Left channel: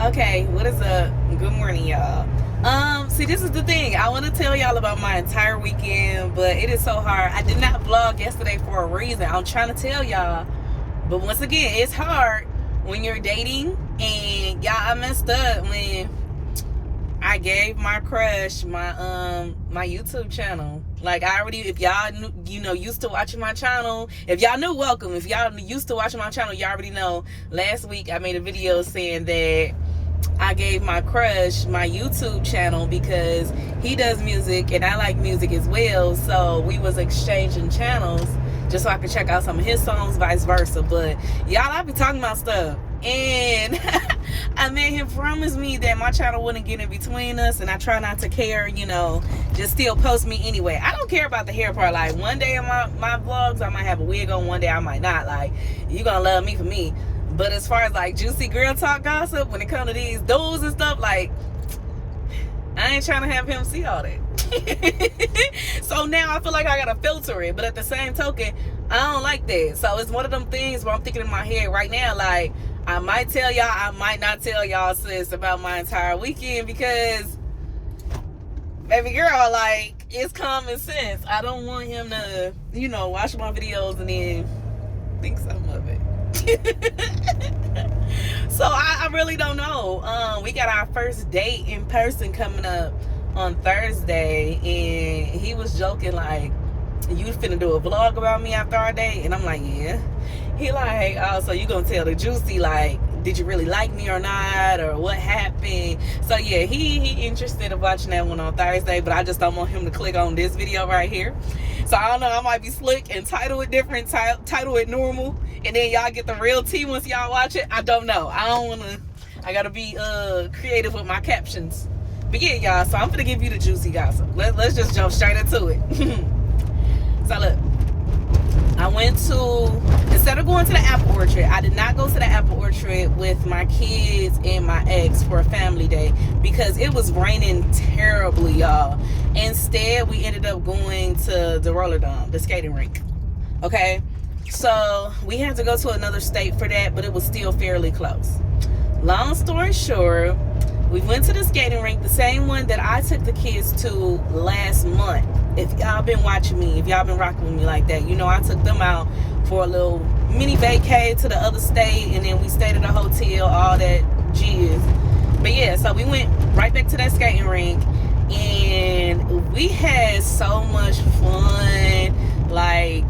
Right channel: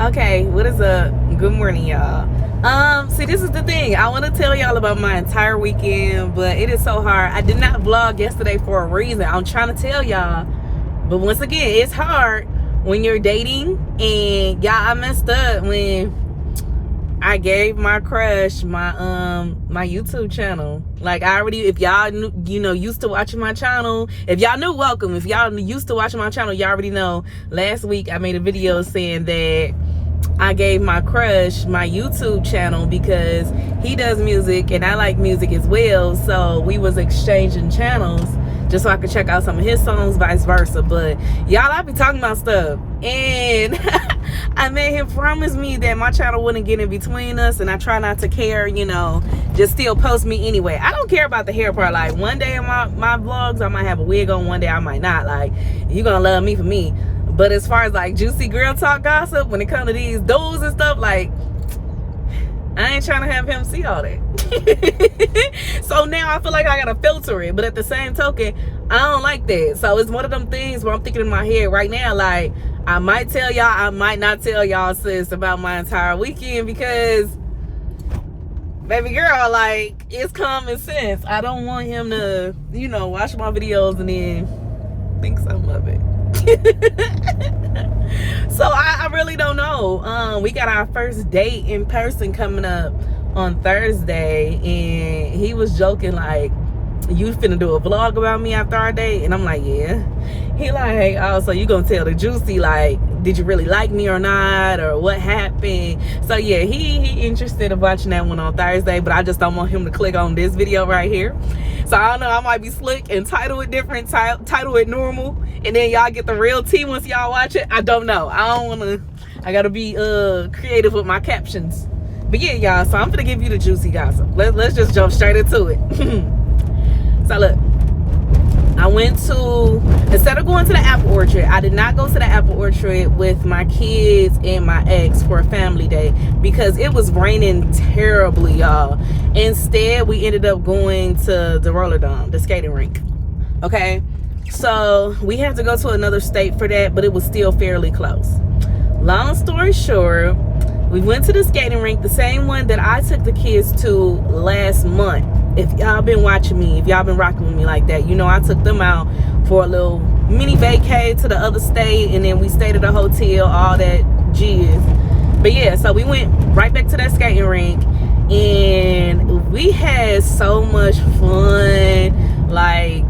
Okay, what is up? Good morning, y'all. See, this is the thing. I want to tell y'all about my entire weekend, but it is so hard. I did not vlog yesterday for a reason. I'm trying to tell y'all, but once again, it's hard when you're dating. And y'all, I messed up when I gave my crush my YouTube channel. Like, I already, if y'all knew, used to watching my channel, if y'all knew, welcome. If y'all used to watching my channel, y'all already know. Last week I made a video saying that I gave my crush my YouTube channel because he does music and I like music as well. So we was exchanging channels just so I could check out some of his songs, vice versa. But y'all, I be talking about stuff. And I made him promise me that my channel wouldn't get in between us, and I try not to care, just still post me anyway. I don't care about the hair part. Like, one day in my vlogs, I might have a wig on, one day I might not. Like, you gonna love me for me. But as far as like juicy girl talk gossip, when it comes to these dudes and stuff, like, I ain't trying to have him see all that. So now I feel like I gotta filter it. But at the same token, I don't like that. So it's one of them things where I'm thinking in my head right now, like, I might tell y'all, I might not tell y'all, sis, about my entire weekend, because baby girl, like, it's common sense. I don't want him to, watch my videos and then think something of it. So I really don't know. We got our first date in person coming up on Thursday, and he was joking like, you finna do a vlog about me after our date? And I'm like, yeah. He like, oh, so you gonna tell the juicy, like, did you really like me or not, or what happened? So yeah, he interested in watching that one on Thursday, but I just don't want him to click on this video right here. So I don't know, I might be slick and title it different, title it normal, and then y'all get the real tea once y'all watch it. I don't know. I gotta be creative with my captions. But yeah, y'all, so I'm gonna give you the juicy gossip. Let's just jump straight into it. So look, I went to, instead of going to the apple orchard, I did not go to the apple orchard with my kids and my ex for a family day because it was raining terribly, y'all. Instead, we ended up going to the roller dome, the skating rink. Okay, so we had to go to another state for that, but it was still fairly close. Long story short, we went to the skating rink, the same one that I took the kids to last month. If y'all been watching me, if y'all been rocking with me like that, I took them out for a little mini vacay to the other state, and then we stayed at a hotel, all that jizz. But yeah, so we went right back to that skating rink, and we had so much fun. Like,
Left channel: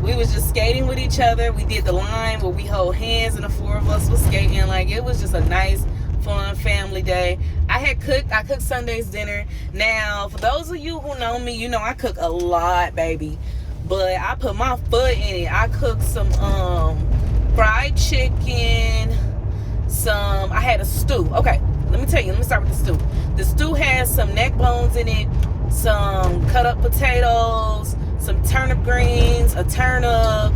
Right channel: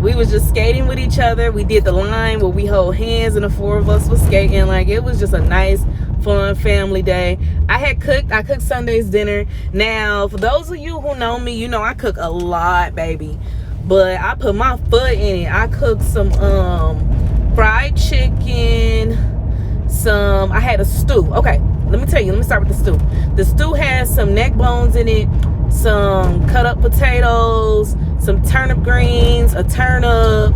we was just skating with each other. We did the line where we hold hands and the four of us was skating. Like, it was just a nice, fun family day. I cooked Sunday's dinner. Now, for those of you who know me, I cook a lot, baby. But I put my foot in it. I cooked some fried chicken, I had a stew. Okay, let me tell you, let me start with the stew. The stew has some neck bones in it, some cut up potatoes, some turnip greens, a turnip.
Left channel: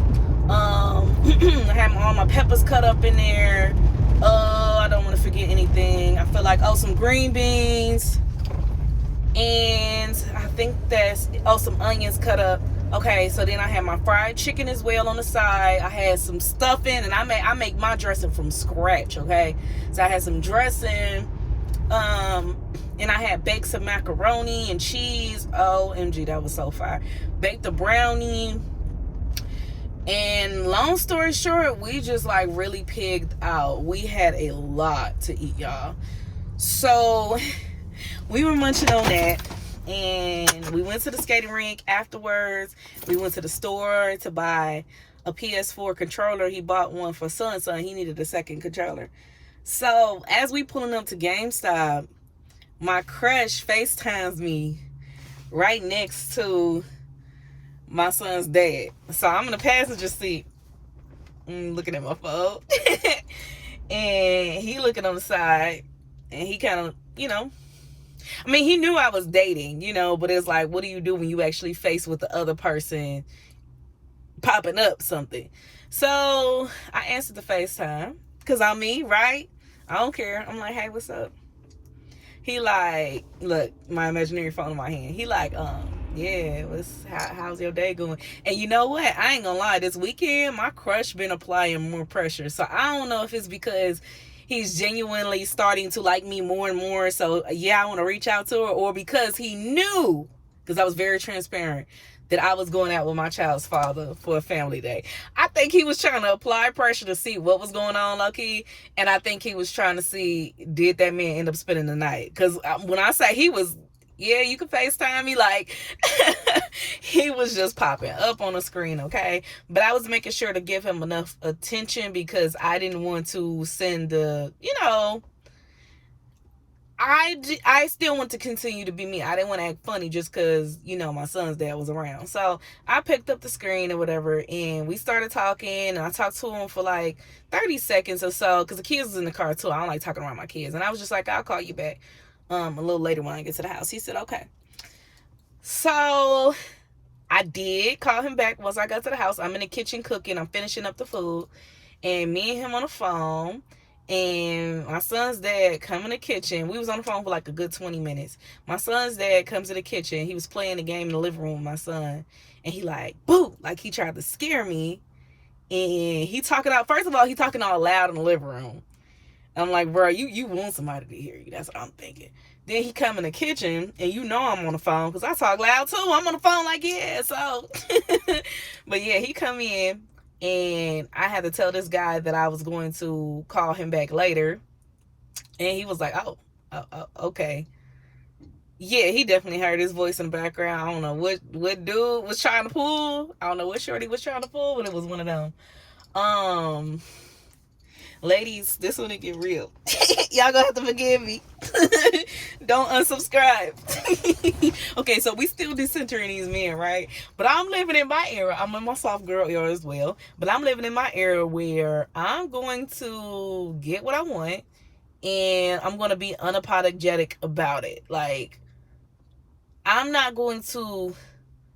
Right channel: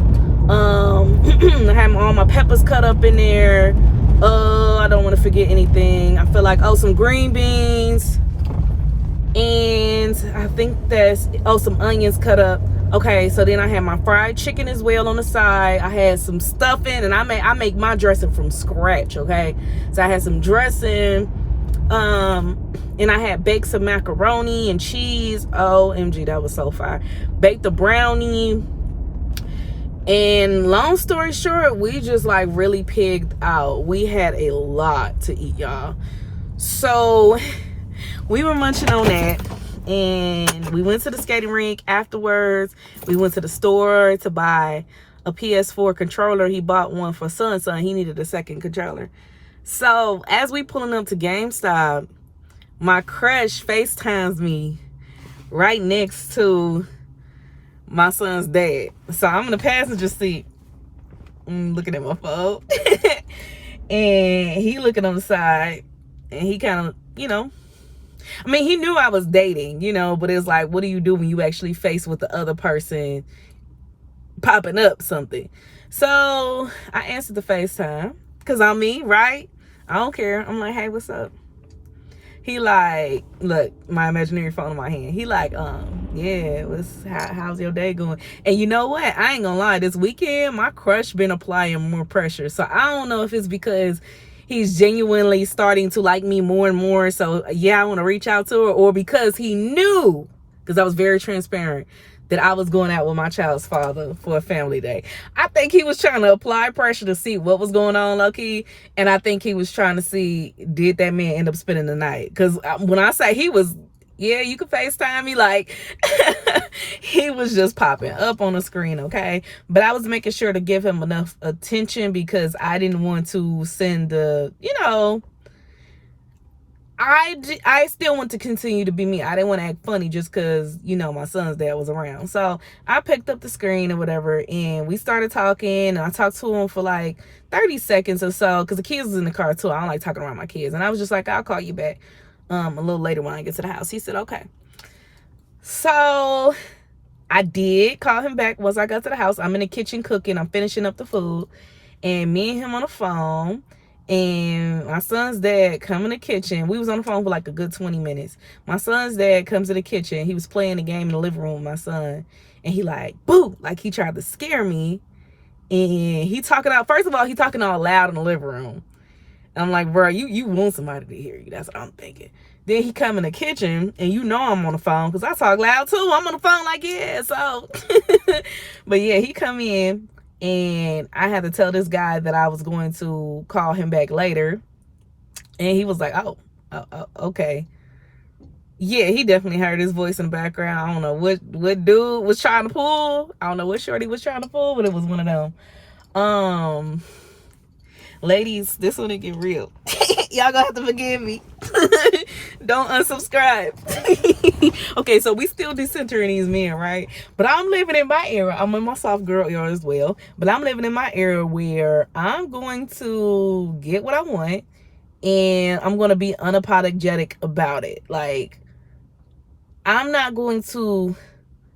I had all my peppers cut up in there. I don't want to forget anything. I feel like, some green beans, and I think there's some onions cut up. Okay, so then I had my fried chicken as well on the side. I had some stuffing, and I make my dressing from scratch. Okay, so I had some dressing, and I had baked some macaroni and cheese. OMG, that was so fire. Baked a brownie. And long story short, we just like really pigged out. We had a lot to eat, y'all. So we were munching on that, and we went to the skating rink afterwards. We went to the store to buy a PS4 controller. He bought one for son. He needed a second controller. So as we pulling up to GameStop, my crush FaceTimes me right next to my son's dad. So I'm in the passenger seat, looking at my phone. And he looking on the side, and he kind of, he knew I was dating, but it's like, what do you do when you actually face with the other person popping up something? So I answered the FaceTime, because I'm me, right? I don't care. I'm like, hey, what's up? He like, look, my imaginary phone in my hand. He like, yeah, how's your day going? And you know what? I ain't gonna lie. This weekend, my crush been applying more pressure. So I don't know if it's because he's genuinely starting to like me more and more. So yeah, I want to reach out to her, or because he knew, because I was very transparent, that I was going out with my child's father for a family day. I think he was trying to apply pressure to see what was going on, low-key. And I think he was trying to see, did that man end up spending the night? Because when I say he was, yeah, you can FaceTime me, like, he was just popping up on the screen, okay? But I was making sure to give him enough attention because I didn't want to send the, I still want to continue to be me. I didn't want to act funny just because, my son's dad was around. So I picked up the screen or whatever, and we started talking, and I talked to him for like 30 seconds or so because the kids was in the car too. I don't like talking around my kids. And I was just like, I'll call you back a little later when I get to the house. He said, okay. So I did call him back once I got to the house. I'm in the kitchen cooking. I'm finishing up the food. And me and him on the phone. And my son's dad come in the kitchen. We was on the phone for like a good 20 minutes. My son's dad comes in the kitchen. He was playing the game in the living room with my son. And he like, boo! Like he tried to scare me. And he talking out, first of all, he talking all loud in the living room. I'm like, bro, you want somebody to hear you. That's what I'm thinking. Then he come in the kitchen, and I'm on the phone because I talk loud too. I'm on the phone like, yeah, so. But yeah, he come in, and I had to tell this guy that I was going to call him back later. And he was like, oh, okay. Yeah, he definitely heard his voice in the background. I don't know what dude was trying to pull. I don't know what shorty was trying to pull, but it was one of them. Ladies, this one it get real. Y'all gonna have to forgive me. Don't unsubscribe. Okay, so we still decentering these men, right? But I'm living in my era. I'm in my soft girl era as well. But I'm living in my era where I'm going to get what I want, and I'm going to be unapologetic about it. Like, I'm not going to,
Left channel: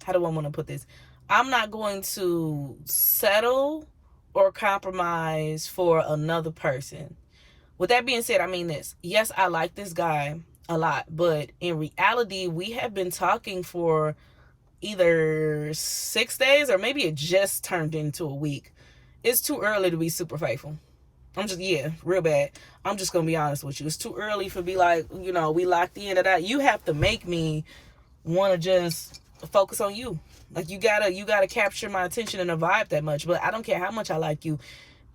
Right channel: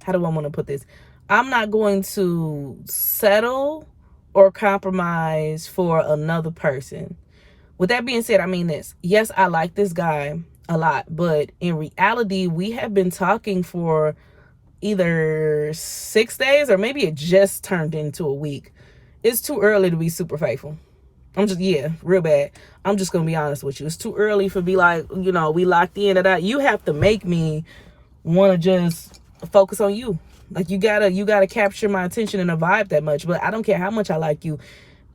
how do I want to put this? I'm not going to settle or compromise for another person. With that being said, I mean this. Yes, I like this guy a lot, but in reality, we have been talking for either 6 days or maybe it just turned into a week. It's too early to be super faithful. Real bad. I'm just gonna be honest with you. It's too early for be like, we locked in or that. You have to make me want to just focus on you. Like you gotta capture my attention and a vibe that much. But I don't care how much I like you.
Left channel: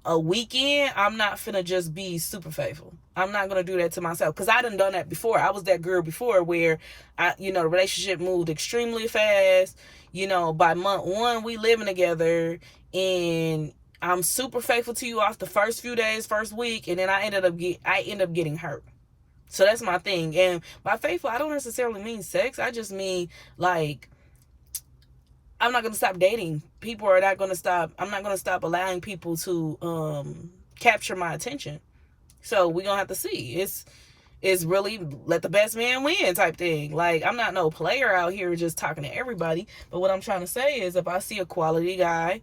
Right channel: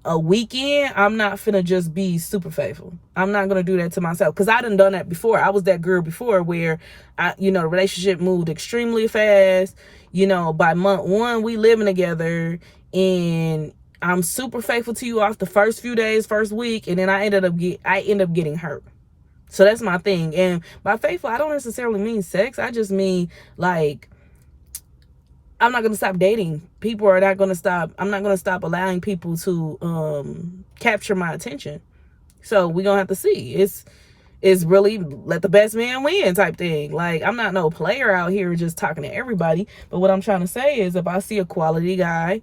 A weekend, I'm not finna just be super faithful. I'm not gonna do that to myself because I done that before. I was that girl before where the relationship moved extremely fast. By month 1 we living together, and I'm super faithful to you off the first few days, first week, and then I end up getting hurt. So that's my thing. And by faithful, I don't necessarily mean sex. I just mean like, I'm not going to stop dating. People are not going to stop. I'm not going to stop allowing people to capture my attention. So we're going to have to see. It's really let the best man win type thing. Like, I'm not no player out here just talking to everybody. But what I'm trying to say is if I see a quality guy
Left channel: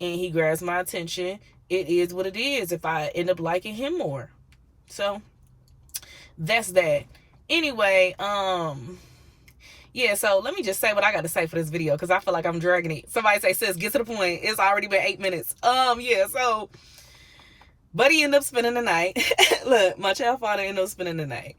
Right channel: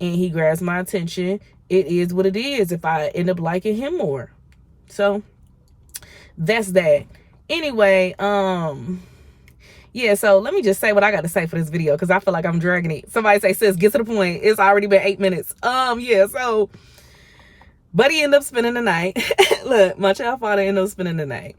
and he grabs my attention, it is what it is if I end up liking him more. So that's that. Anyway, yeah, so let me just say what I got to say for this video because I feel like I'm dragging it. Somebody say, sis, get to the point. It's already been 8 minutes. Yeah, so buddy ended up spending the night. Look, my child father ended up spending the night.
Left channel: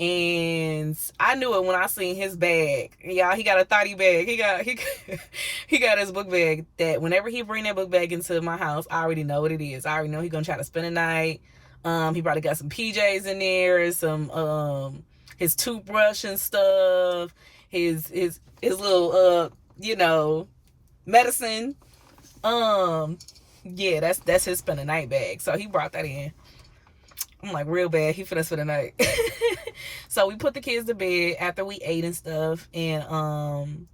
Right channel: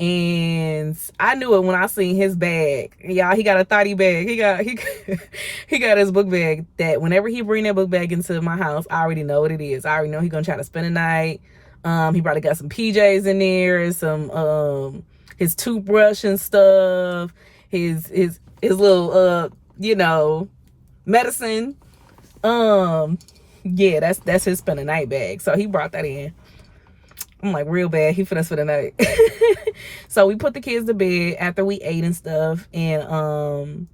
And I knew it when I seen his bag. Y'all, he got a 30 bag. He got his book bag that whenever he bring that book bag into my house, I already know what it is. I already know he gonna try to spend the night. He probably got some PJs in there, some his toothbrush and stuff. His little medicine. Yeah, that's his spend the night bag. So he brought that in. I'm like, real bad. He finna spend the night. So we put the kids to bed after we ate and stuff, and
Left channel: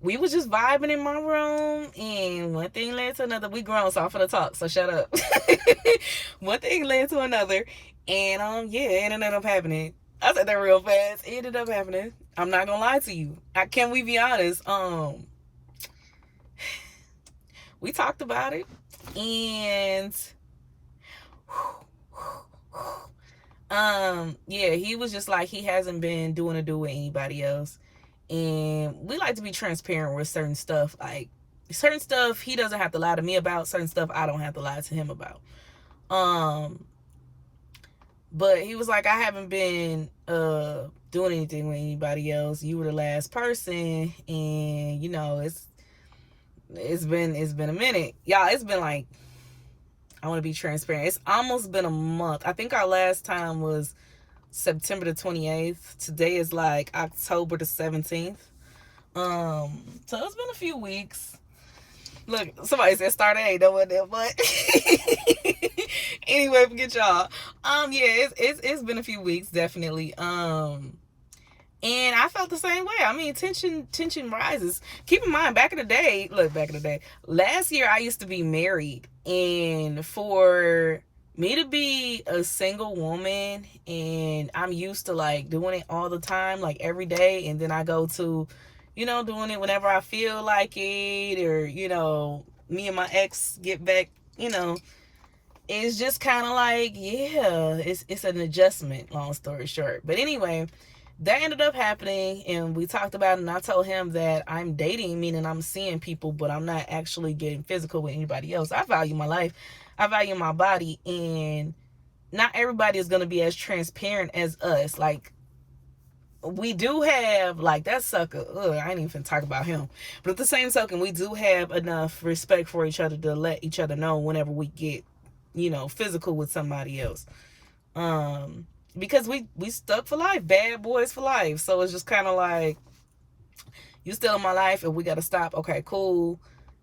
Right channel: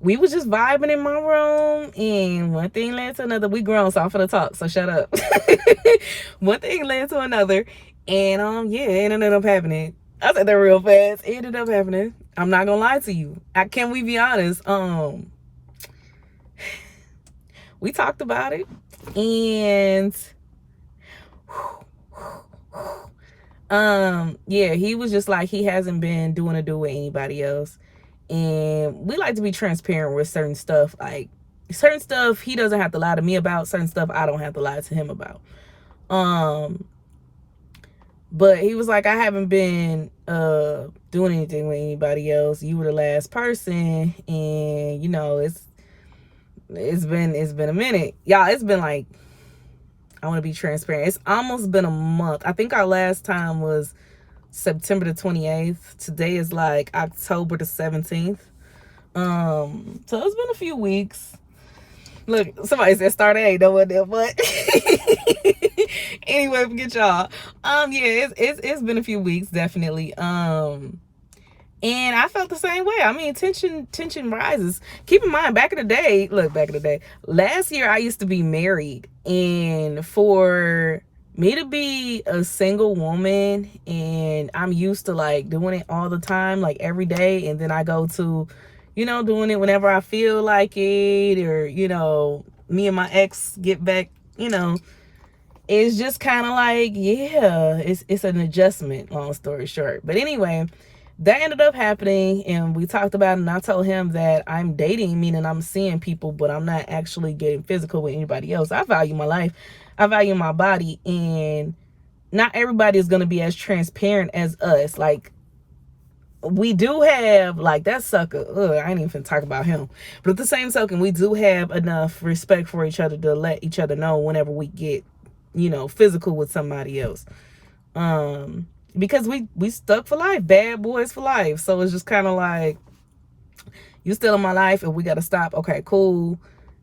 we was just vibing in my room, and one thing led to another. We grown, so I'm finna talk, so shut up. One thing led to another, and yeah, it ended up happening. I said that real fast. It ended up happening. I'm not gonna lie to you. Can we be honest? We talked about it, and yeah, he was just like, he hasn't been doing a do with anybody else. And we like to be transparent with certain stuff. Like, certain stuff he doesn't have to lie to me about, certain stuff I don't have to lie to him about. But he was like, I haven't been doing anything with anybody else. You were the last person, and you know, it's been a minute. Y'all, it's been like, I want to be transparent. It's almost been a month. I think our last time was September the 28th. Today is like October the 17th. So it's been a few weeks. Look, somebody said start A, no one there, but anyway, forget y'all. Yeah, it's been a few weeks, definitely. And I felt the same way. I mean, tension rises. Keep in mind, back in the day, last year I used to be married, and for me to be a single woman, and I'm used to like doing it all the time, like every day, and then I go to, you know, doing it whenever I feel like it, or, you know, me and my ex get back, you know, it's just kind of like, yeah, it's an adjustment, long story short. But anyway, that ended up happening, and we talked about it, and I told him that I'm dating, meaning I'm seeing people, but I'm not actually getting physical with anybody else. I value my life, I value my body, and not everybody is going to be as transparent as us. Like, we do have, like, that sucker, I ain't even talk about him, but at the same token, we do have enough respect for each other to let each other know whenever we get, you know, physical with somebody else. Because we stuck for life, bad boys for life. So it's just kind of like, you still in my life, and we got to stop. Okay, cool.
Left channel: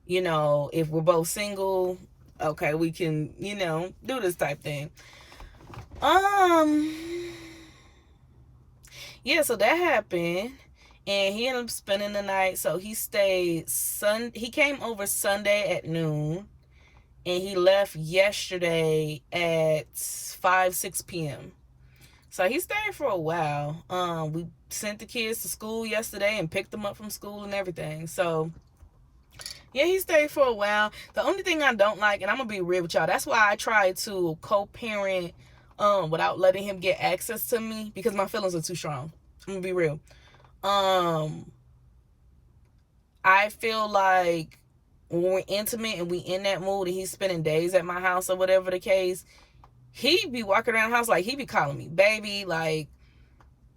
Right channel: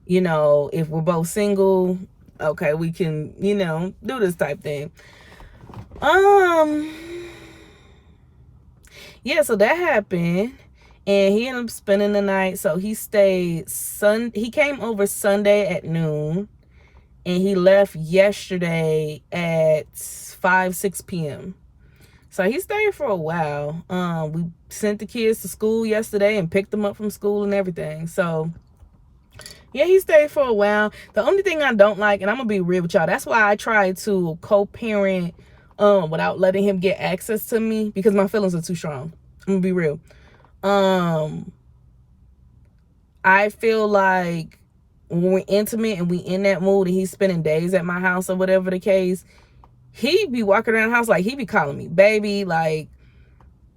You know, if we're both single, okay, we can, you know, do this type thing. Yeah, so that happened, and he ended up spending the night. So he stayed he came over Sunday at noon, and he left yesterday at 6 p.m. So he stayed for a while. We sent the kids to school yesterday and picked them up from school and everything. So yeah, he stayed for a while. The only thing I don't like, and I'm gonna be real with y'all, that's why I try to co-parent without letting him get access to me, because my feelings are too strong. I'm gonna be real. I feel like when we're intimate and we in that mood and he's spending days at my house or whatever the case, he be walking around the house like he be calling me baby, like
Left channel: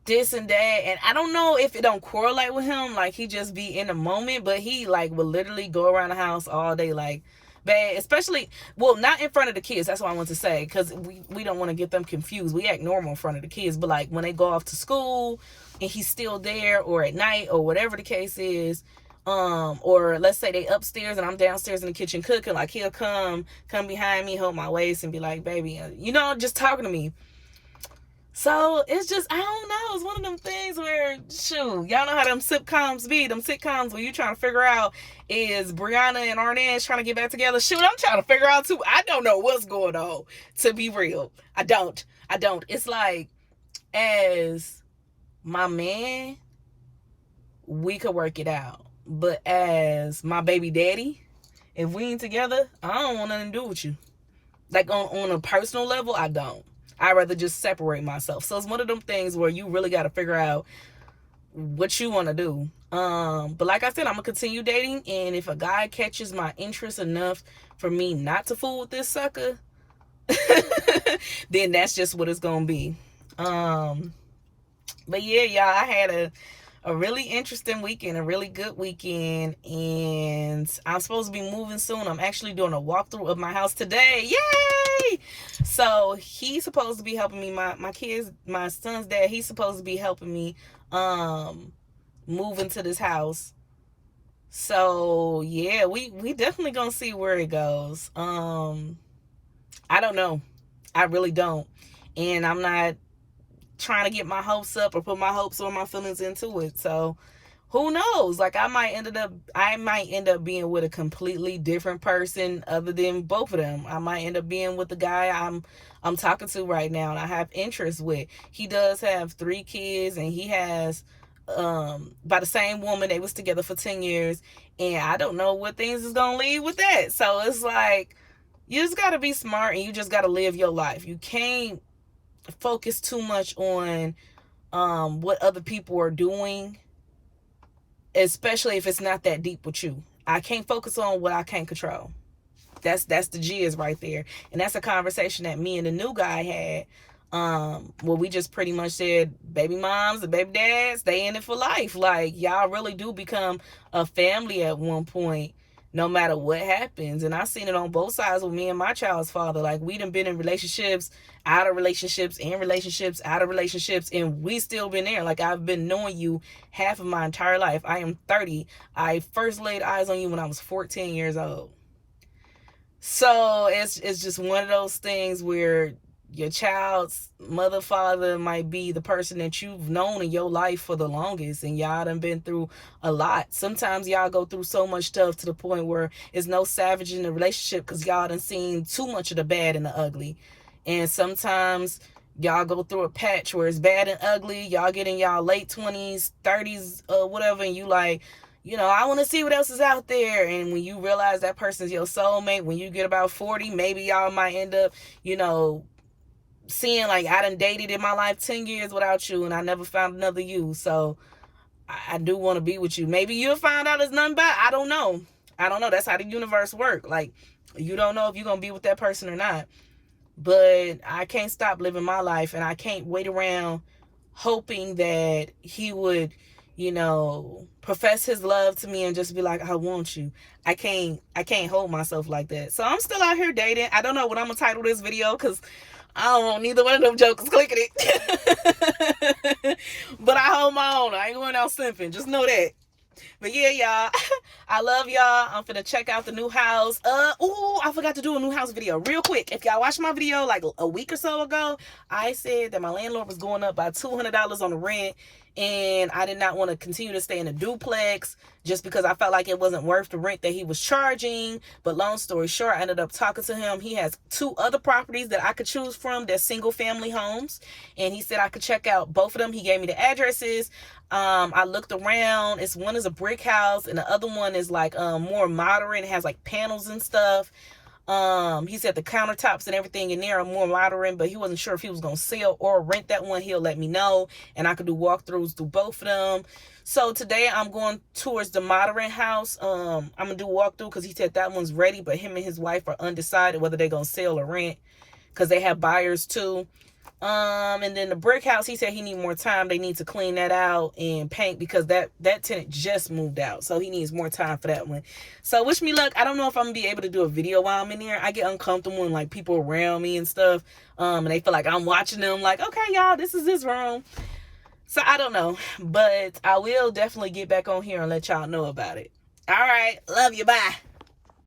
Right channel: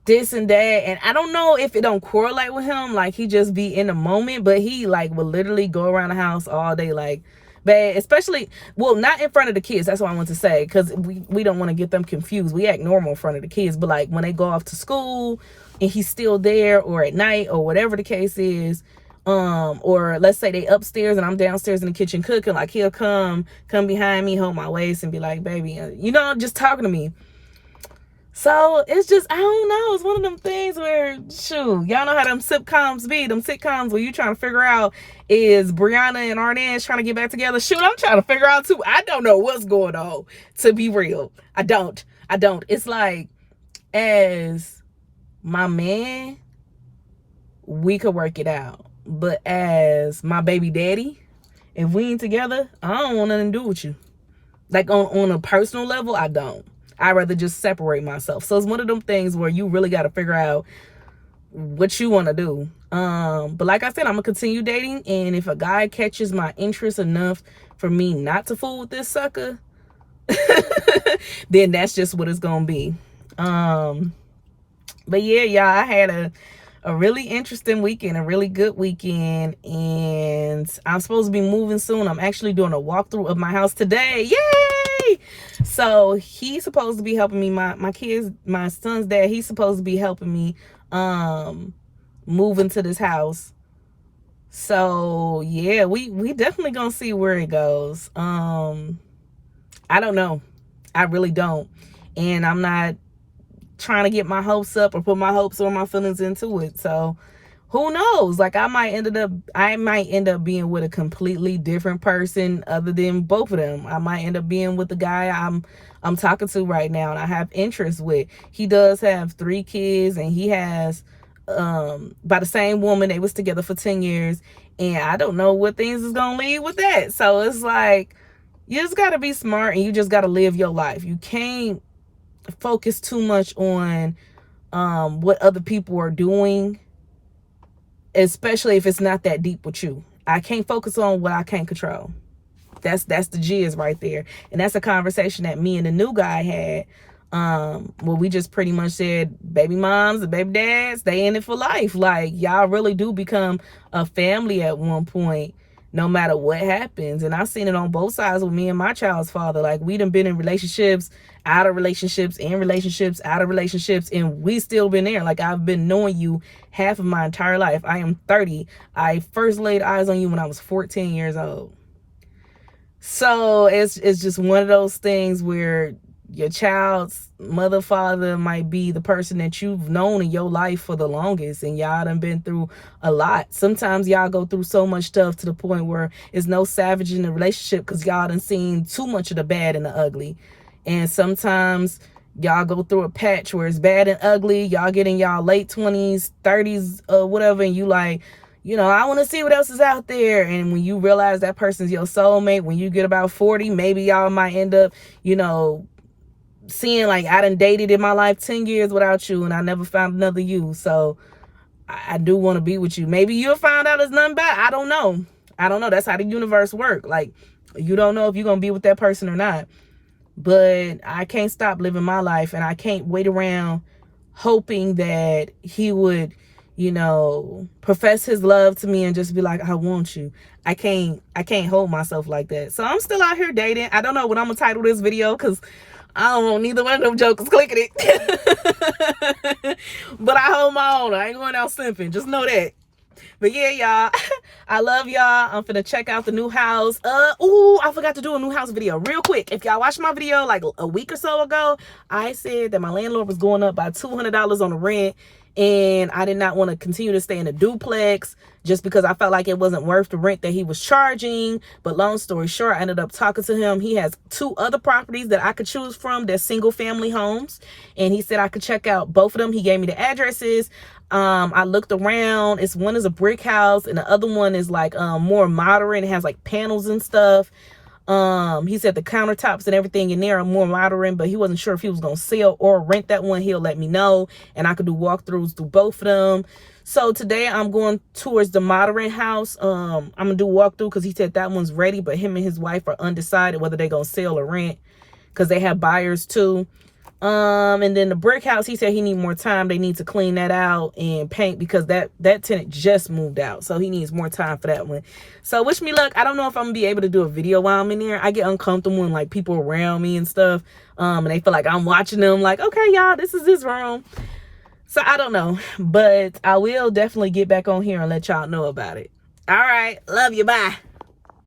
this and that. And I don't know if it don't correlate with him, like he just be in the moment, but he like will literally go around the house all day like bad, especially, well, not in front of the kids, that's what I want to say, because we don't want to get them confused. We act normal in front of the kids, but like when they go off to school and he's still there, or at night, or whatever the case is, or let's say they upstairs and I'm downstairs in the kitchen cooking, like he'll come behind me, hold my waist, and be like, baby, you know, just talking to me. So it's just, I don't know, it's one of them things where, shoot, y'all know how them sitcoms be, them sitcoms where you trying to figure out, is Brianna and Arnaz trying to get back together? Shoot, I'm trying to figure out too. I don't know what's going on, to be real. I don't. It's like, as my man, we could work it out. But as my baby daddy, if we ain't together, I don't want nothing to do with you. Like on a personal level, I don't. I'd rather just separate myself. So it's one of them things where you really got to figure out what you want to do. But like I said, I'm gonna continue dating, and if a guy catches my interest enough for me not to fool with this sucker, then that's just what it's gonna be. But yeah, y'all, I had a really interesting weekend, a really good weekend, and I'm supposed to be moving soon. I'm actually doing a walkthrough of my house today. Yay! So he's supposed to be helping me. My kids, my son's dad, he's supposed to be helping me move into this house. So yeah, we definitely gonna see where it goes. I don't know. I really don't. And I'm not trying to get my hopes up or put my hopes or my feelings into it. So who knows? Like I might end up being with a completely different person other than both of them. I might end up being with the guy I'm talking to right now and I have interest with. He does have 3 kids, and he has by the same woman. They was together for 10 years, and I don't know what things is gonna lead with that. So it's like, you just gotta be smart, and you just gotta live your life. You can't focus too much on what other people are doing, especially if it's not that deep with you. I can't focus on what I can't control. That's the jizz right there. And that's a conversation that me and the new guy had Well, we just pretty much said baby moms and baby dads, they in it for life. Like, y'all really do become a family at one point, no matter what happens. And I've seen it on both sides with me and my child's father. Like, we done been in relationships, out of relationships, in relationships, out of relationships, and we still been there. Like, I've been knowing you half of my entire life. I am 30. I first laid eyes on you when I was 14 years old. So it's just one of those things where your child's mother, father might be the person that you've known in your life for the longest, and y'all done been through a lot. Sometimes y'all go through so much stuff to the point where it's no savage in the relationship because y'all done seen too much of the bad and the ugly. And sometimes y'all go through a patch where it's bad and ugly. Y'all get in y'all late 20s, 30s, whatever, and you like, I want to see what else is out there. And when you realize that person's your soulmate, when you get about 40, maybe y'all might end up, seeing like, I done dated in my life 10 years without you and I never found another you. So I do want to be with you. Maybe you'll find out there's nothing bad. I don't know. That's how the universe works. Like, you don't know if you're going to be with that person or not. But I can't stop living my life, and I can't wait around hoping that he would, profess his love to me and just be like, I want you. I can't hold myself like that. So I'm still out here dating. I don't know what I'm gonna title this video because I don't want neither one of them jokers clicking it. But I hold my own. I ain't going out simping. Just know that. But yeah, y'all, I love y'all. I'm finna check out the new house. I forgot to do a new house video real quick. If y'all watched my video like a week or so ago, I said that my landlord was going up by $200 on the rent, and I did not want to continue to stay in a duplex just because I felt like it wasn't worth the rent that he was charging. But long story short, I ended up talking to him. He has 2 other properties that I could choose from. They're single family homes, and he said I could check out both of them. He gave me the addresses. I looked around. One is a brick house and the other one is like more modern. It has like panels and stuff. He said the countertops and everything in there are more modern, but he wasn't sure if he was gonna sell or rent that one. He'll let me know, and I could do walkthroughs through both of them. So today I'm going towards the modern house. I'm gonna do walkthrough because he said that one's ready, but him and his wife are undecided whether they're gonna sell or rent because they have buyers too. And then the brick house, he said he need more time. They need to clean that out and paint because that tenant just moved out. So he needs more time for that one. So wish me luck. I don't know if I'm gonna be able to do a video while I'm in there. I get uncomfortable when like people around me and stuff. And they feel like I'm watching them like, okay, y'all, this is this room. So I don't know, but I will definitely get back on here and let y'all know about it. All right. Love you. Bye.